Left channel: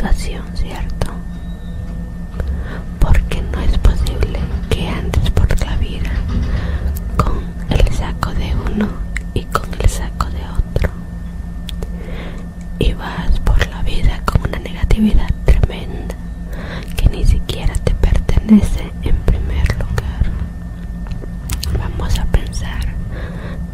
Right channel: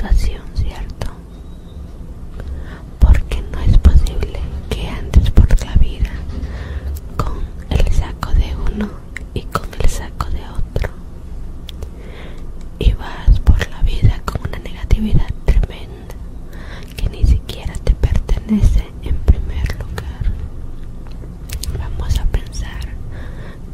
situación, ¿cierto? Porque no es posible que andes por la vida con el saco de uno y con el saco de otro, y vas por la vida con una negatividad tremenda que ni siquiera te pertenece en primer lugar. Vamos a pensar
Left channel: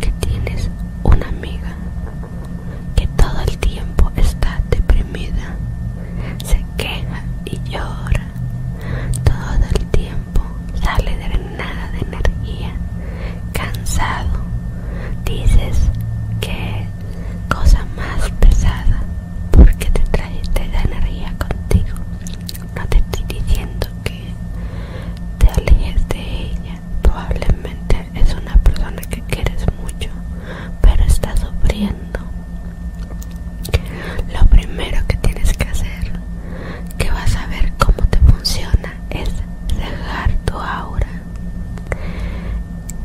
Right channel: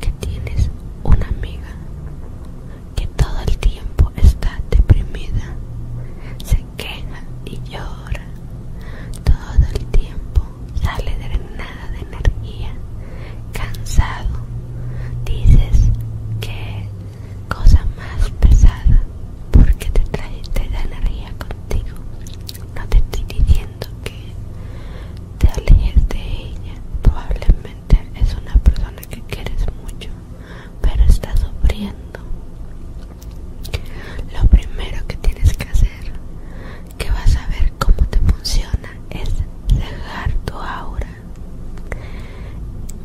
que tienes una amiga que todo el tiempo está deprimida, se queja y llora, todo el tiempo sale drenada de energía, cansado. Dices que cosa más pesada porque te da energía contigo. No te estoy diciendo que te alejes de ella, probablemente es una persona que quieres mucho, pero está sufriendo. Lo primero que tienes que hacer, que vas a ver cómo te funciona, es cegar tu aura.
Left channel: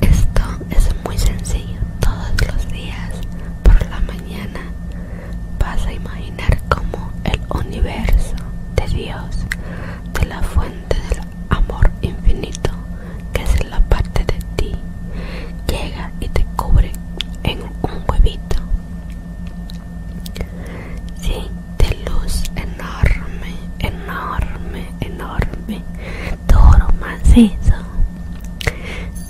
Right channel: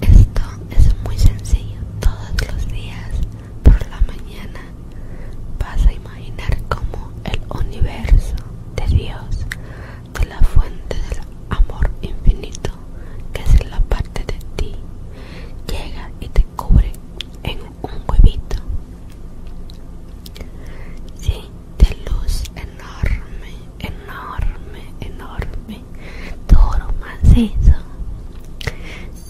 Esto es muy sencillo. Todos los días por la mañana vas a imaginar cómo el universo de Dios, de la fuente del amor infinito, que es la parte de ti, llega y te cubre en un huevito, sí, de luz enorme, enorme, enorme, duro, macizo,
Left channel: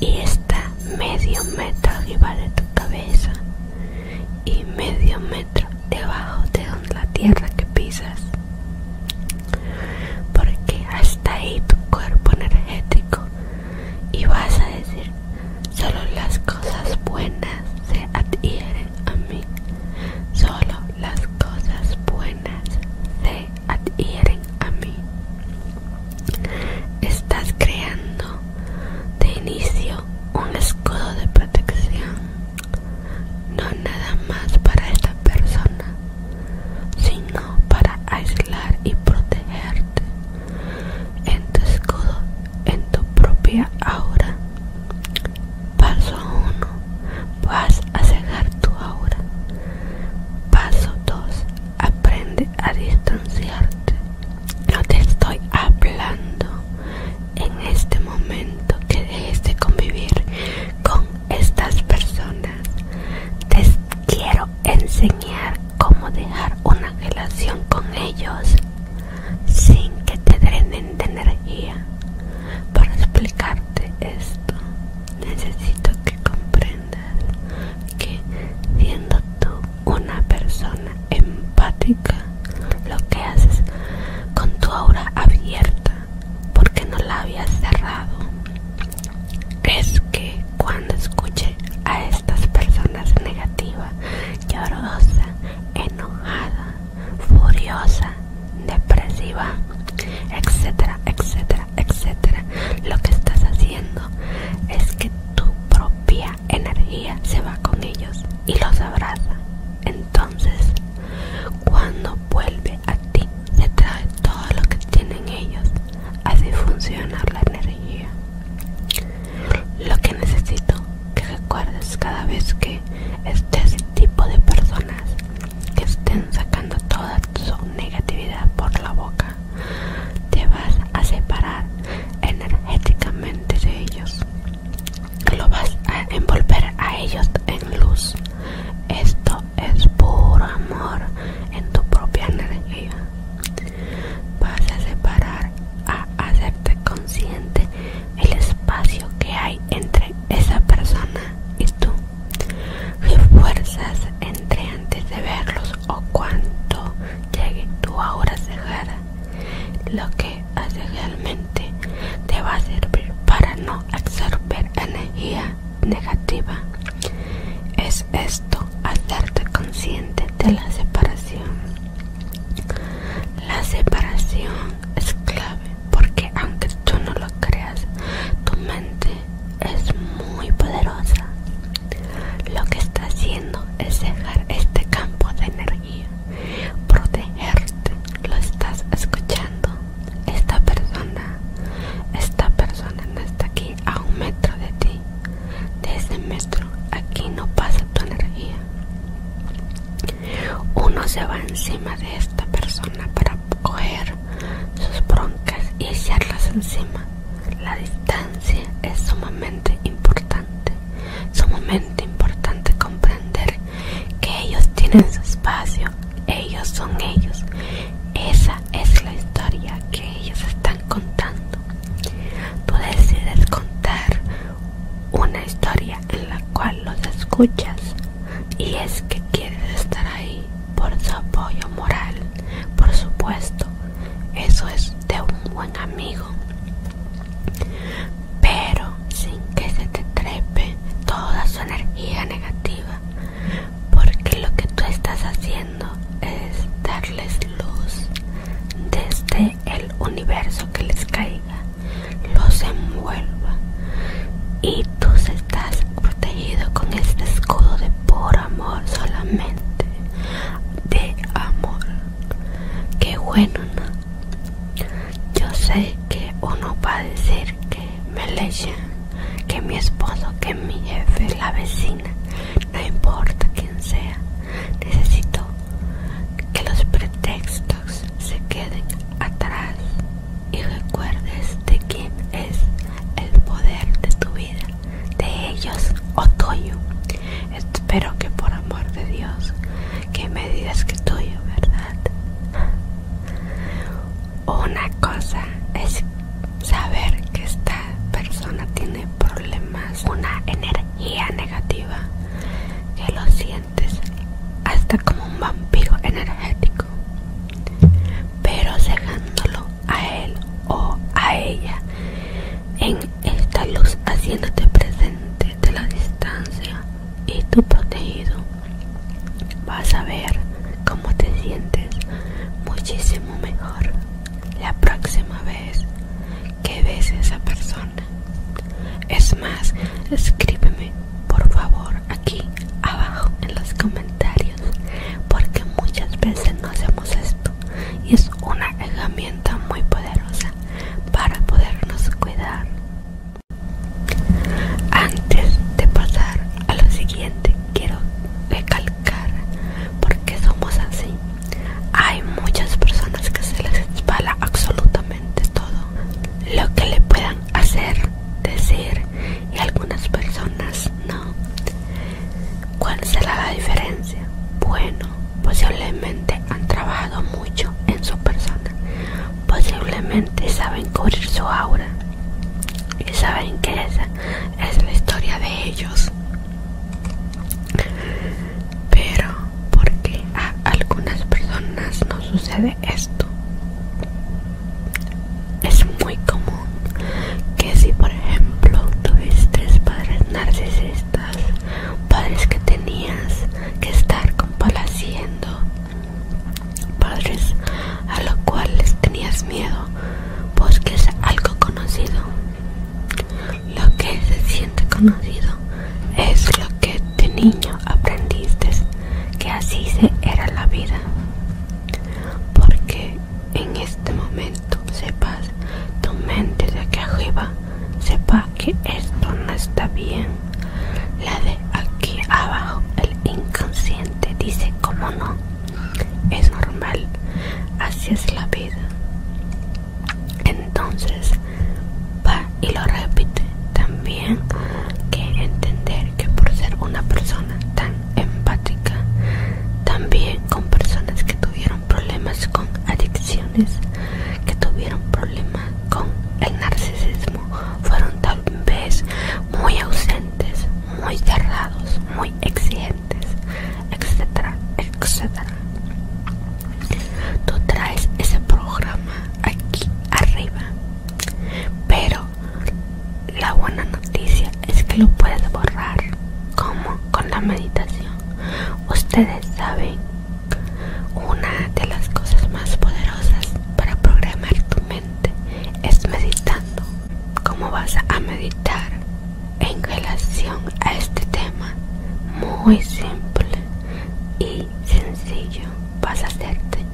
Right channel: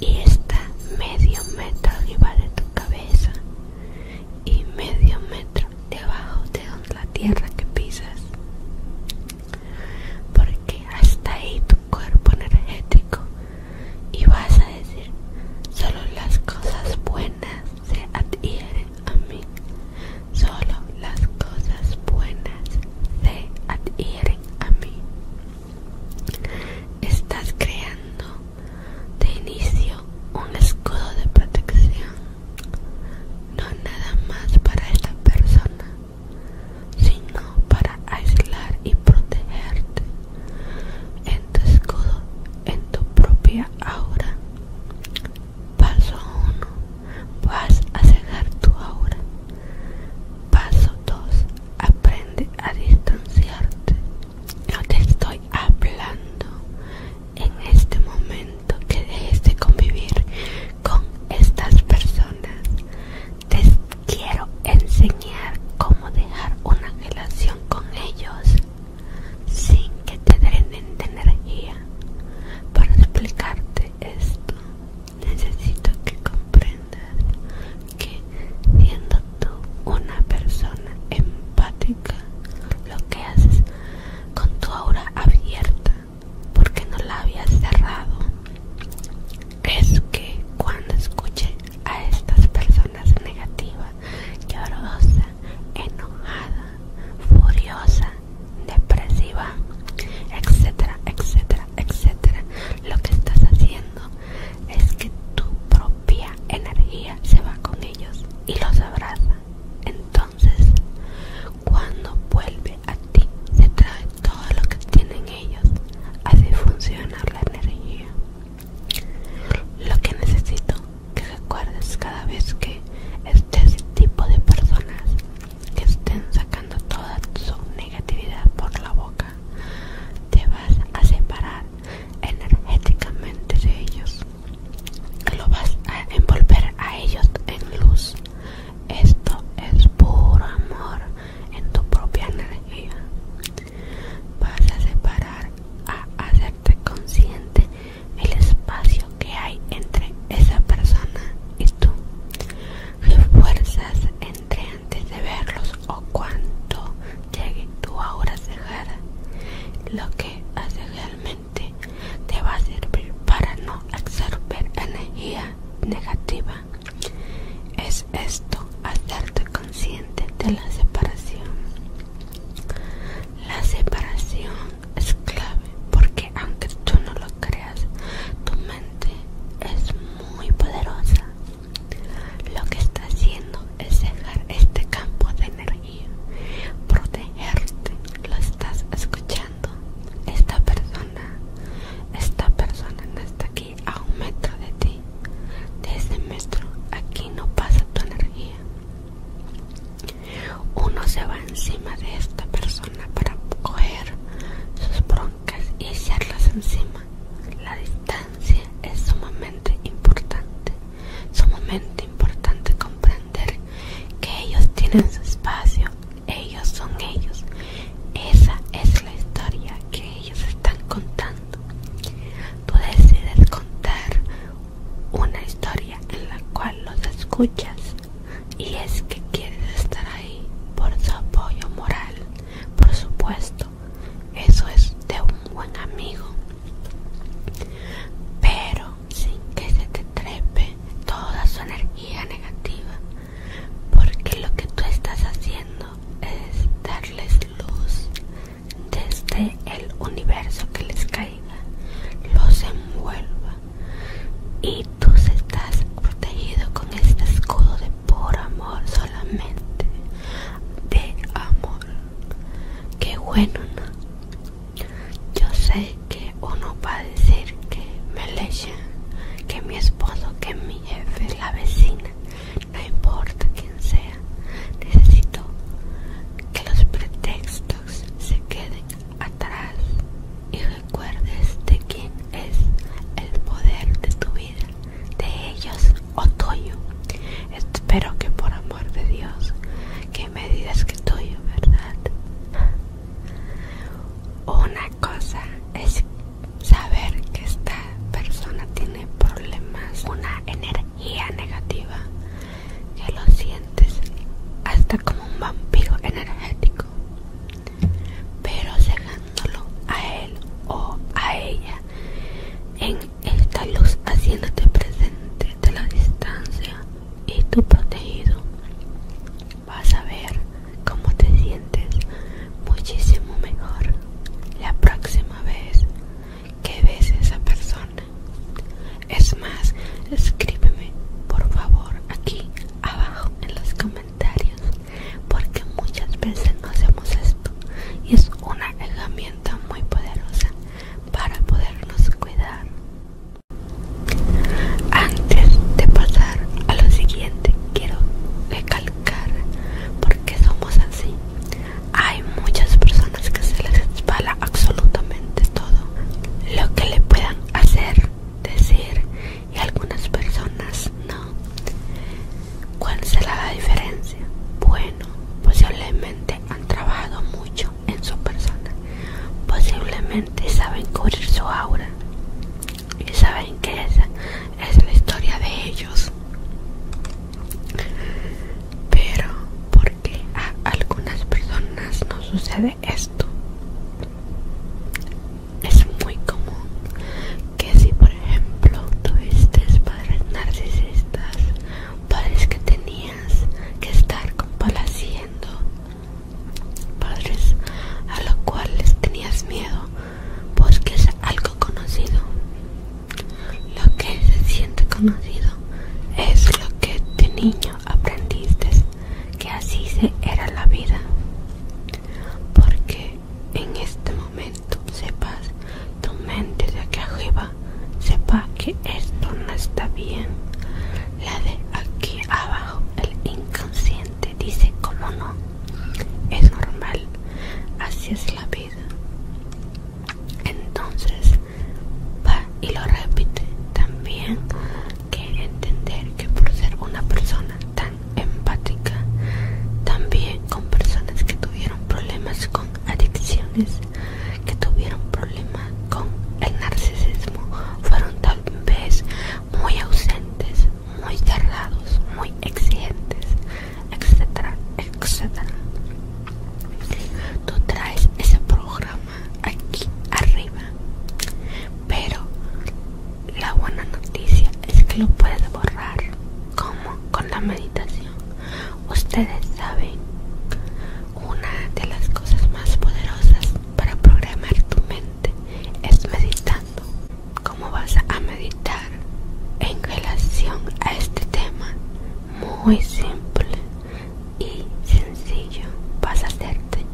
y está medio metro arriba de tu cabeza y medio metro debajo de la tierra que pisas, porque hasta ahí tu cuerpo energético, y vas a decir: solo las cosas buenas se adhieren a mí, solo las cosas buenas se adhieren a mí. Estás creando de inicio un escudo de protección, no nada más para esta persona, sino para aislar y protegerte. En tu escudo, en tu propia aura. Paso 1, vas a cegar tu aura. Paso 2, aprende a distanciarte. No te estoy hablando en este momento que dejes de convivir con estas personas. Te quiero enseñar cómo dejar una relación con ellos sin que te drenen de energía. Para explicarte esto, necesito que comprendas que siendo tú una persona empática, lo que haces con tu aura abierta, porque no la habías cerrado, es que cuando escuche a estas personas negativas, llorosa, enojada, furiosa, depresiva, etcétera, etcétera, etcétera, lo que estás haciendo es que tu propia energía se va con ellos y los abraza. Entonces, cuando vuelve a ti, se trae todo lo que tienen ellos. Así funciona la energía. Lo que necesito que recuerdes cada vez que esté ese tipo de personas que estén sacando toda su negatividad por la boca, te vas a separar energéticamente de ellos. Lo vas a envolver a ellos en luz. Esto es puro amor en tu propia energía. Vas a separar, a hacerte consciente el espacio que hay entre esa persona y tú. Refuerzas entre antes de verlos o cuando llegue tu aura cegada. Lo que hace realmente te va a servir para no absorber energía negativa. Es esto, hacerte consciente de la separación. La separación es clave porque aunque tú no lo creas, tu mente es muy poderosa. Lo que está haciendo es dejar este campo de energía, protegerte. Lo estás escuchando. Esta persona no está aquí a 1 metro de ti. De ese metro aquí no pasa tu energía. encima. La distancia es sumamente importante comprender que ellos tienen su espacio, ellos son ellos. Esa es la historia que ellos están contando. Tú decides contar una historia en la cual los escuchas, y es que quieres estar ahí por su apoyo moral, por supuesto. Eso es de un buen amigo, pero sin que se te trepe toda su energía negativa, porque lo que tú estás haciendo es darles luz desde el universo, que les caiga, los envuelva, y tú estás protegido con este escudo de puro amor, solamente de amor. Qué bueno, ¿no? Yo sé que uno va a decir que me leche, que mi esposo, que mi jefe, la vecina, no importa quién sea. Necesito que los pretextos se queden atrás y recuerdes de quién es el poder de tu vida, de ellos o tuyo. Espero que por amor de Dios que me digas que tuyo, ¿verdad? Una cosa es saber que esta persona tiene problemas, una energía negativa, que lo sientes hasta como un vampiro energético, pero cegándolo a él o a ella en esta luz, haciéndote presente de la distancia y tú protegido, vas a ver cómo te sientes muchísimo mejor la próxima vez que ves a esa persona. Es más, escríbeme por favor aquí abajo en los comentarios, porque muchas veces no hacemos esto y es una herramienta muy poderosa para podernos cuidar. Antes de pasar a lo siguiente, quiero recalcar porque somos así. Hay muchas personas que se les resbala absolutamente todo lo que le puedan hacer, decir, y algunas personas no. ¿Cuál será la diferencia? Bueno, posiblemente han trabajado mucho en su persona, posiblemente saben cubrir su aura y saben que esa es la historia de ellos. Pero ¿por qué a algunas personas no sucede esto? Es muy común que si por ejemplo tuviste padres narcisistas, padres que tenías que estar complaciendo, padres a los cuales tenías miedo, porque es algo conocido. Lo que se siente conocido es lo que de niño aprendiste, que así era la vida. Porque en este momento sepas, tu mente de aquí arriba sepa que esto no está bien. La de aquí abajo, el inconsciente, dice cómo no, es normal, así es la vida. Entonces va y lo repite también, que entender que por ser una persona tan empática, también con personas que tuvieron problemas con adicciones, que tuvieron problemas con el narcisismo, fueron tal vez muy ausentes, muy cerrados, muy exigentes, etcétera, etcétera. Tú traes ese programa aquí arriba, pero la buena noticia es que lo puedes borrar. ¿Cómo? Con la meditación. Ustedes saben, una de las cosas más poderosas para programar tu mente es meditando. ¿Cómo vas a meditar en relación a este tema? Muy simple y sencillo. Vas a hacerte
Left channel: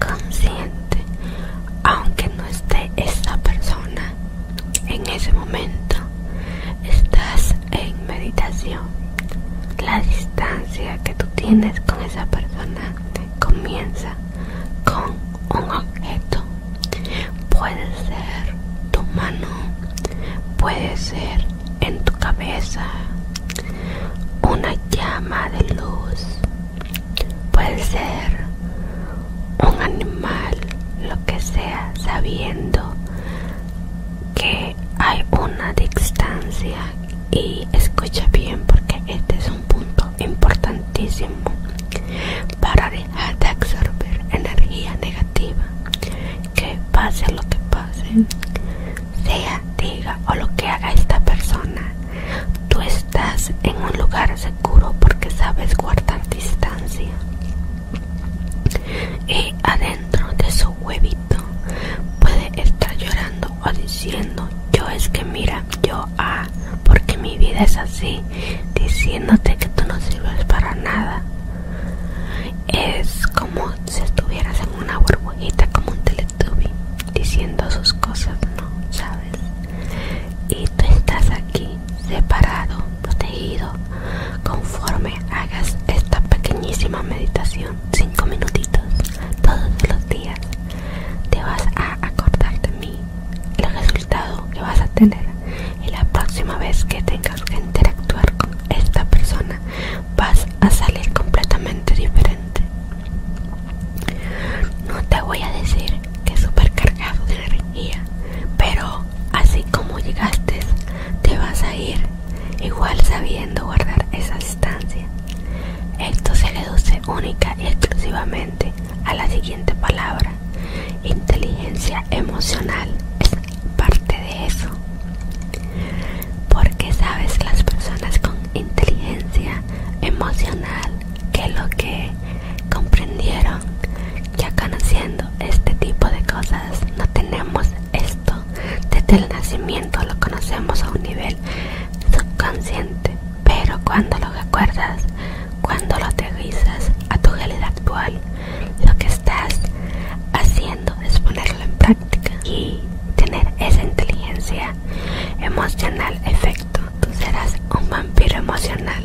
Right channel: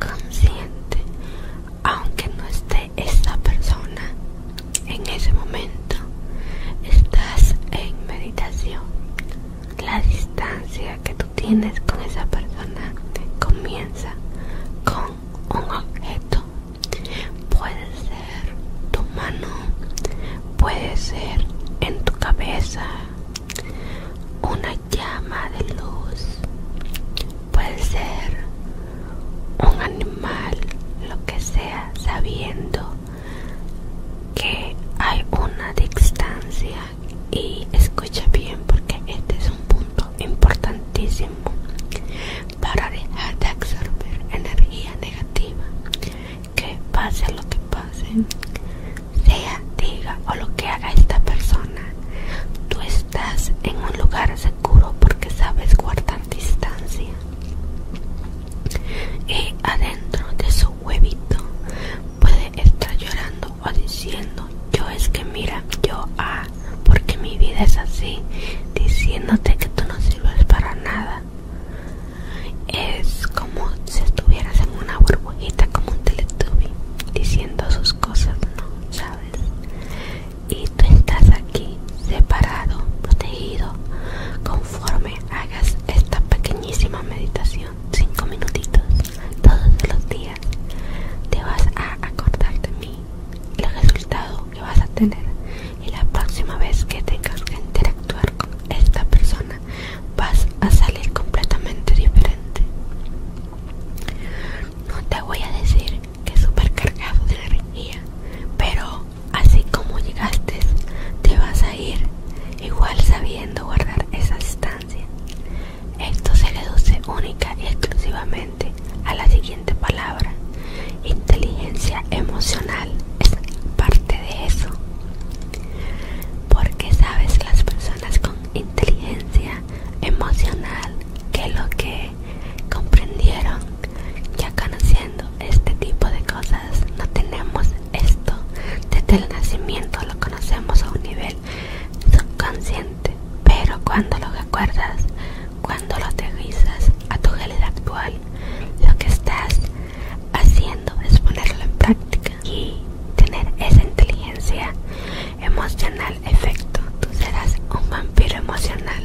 consciente, aunque no esté esa persona en ese momento. Estás en meditación. La distancia que tú tienes con esa persona comienza con un objeto. Puede ser tu sabiendo que hay una distancia. Y escucha bien, porque este es un punto importantísimo para dejar de absorber energía negativa. Que pase lo que pase, sea, diga o lo que haga esta persona, tú estás en un lugar seguro porque sabes guardar distancia. Y adentro de su huevito puede estar llorando o diciendo: yo es que mira, yo porque mi vida es así, diciéndote que tú no sirves para nada. Es como si estuvieras en una burbujita, como un Teletubby, diciendo sus cosas, ¿no? ¿Sabes? Y tú estás aquí, separado, protegido. Conforme hagas esta pequeñísima meditación, 5 minutitos, todos los días, te vas a acordar de mí, el resultado que vas a tener. Y la próxima vez que tengas que interactuar con esta persona, vas a salir completamente diferente. No te voy a decir que es súper cargado de energía, pero así como llegaste, te vas a ir igual sabiendo guardar esa distancia. Esto se reduce única y exclusivamente a la siguiente palabra: inteligencia emocional. Es parte de eso. Porque sabes, las personas con inteligencia emocional, que lo que comprendieron ya conociendo este tipo de cosas, no tenemos esto desde el nacimiento, lo conocemos a un nivel subconsciente, pero cuando lo recuerdas, cuando lo aterrizas a tu realidad actual, lo que estás haciendo es ponerlo en práctica y tener esa inteligencia emocional. Efecto, tú serás un vampiro emocional.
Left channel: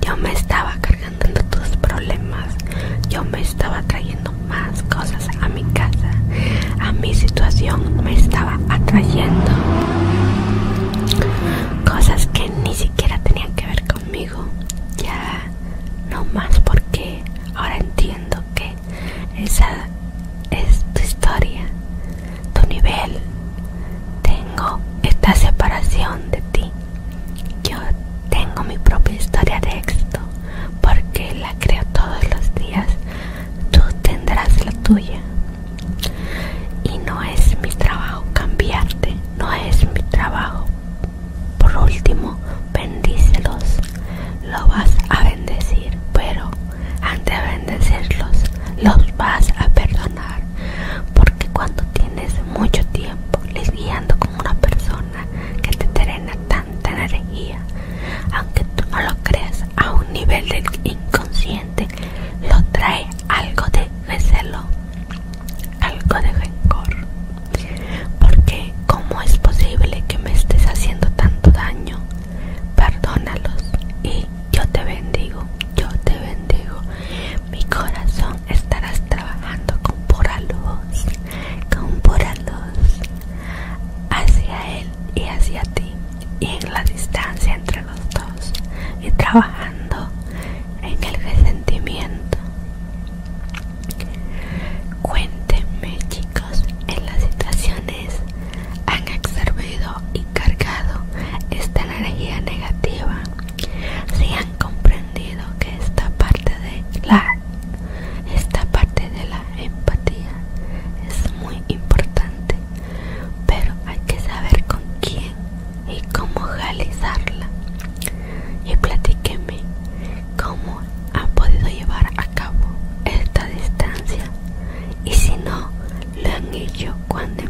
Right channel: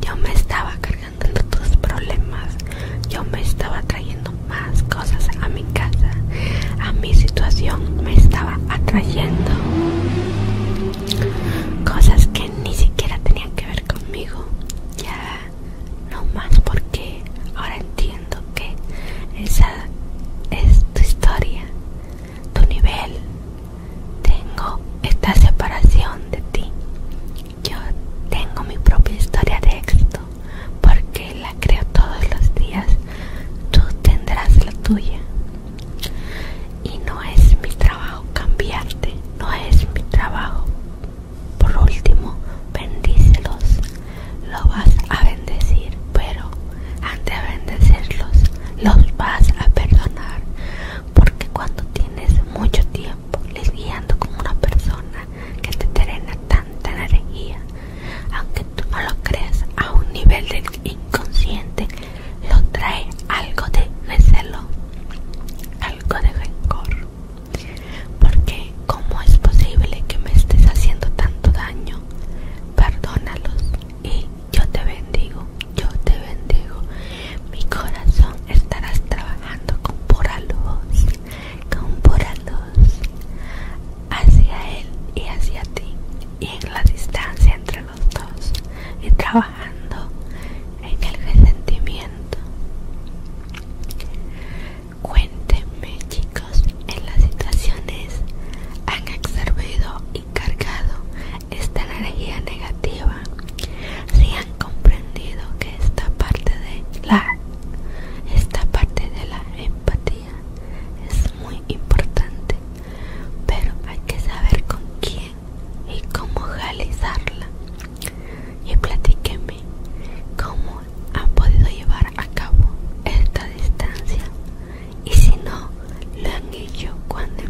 Yo me estaba cargando de tus problemas, yo me estaba trayendo más cosas a mi casa, a mi situación me estaba atrayendo cosas que ni siquiera tenían que ver conmigo. Ya no más, porque ahora entiendo que esa es tu historia, tu nivel. Tengo esta separación de ti. Yo tengo mi propia historia de éxito porque la creo todos los días. Tú tendrás la tuya. Y no es mi trabajo cambiarte, no es mi trabajo. Por último, bendícelos. Lo vas a bendecir, pero antes de bendecirlos, los vas a perdonar. Porque cuando tienes mucho tiempo lidiando con una persona que te drena tanta energía, aunque tú no lo creas, a un nivel del inconsciente lo trae algo de recelo, algo de rencor. Porque ¿cómo es posible que me estés haciendo tanto daño? Perdónalos y yo te bendigo, yo te bendigo. Mi corazón estarás trabajando con pura luz hacia él y hacia ti, y en la distancia entre los dos, y trabajando en el resentimiento. Cuéntenme, chicos, en las situaciones han absorbido y cargado esta energía negativa, si han comprendido que esta parte de la empatía es muy importante, pero hay que saber con quién y cómo realizarla. Y platíquenme cómo han podido llevar a cabo esta distancia, y si no lo han hecho, cuando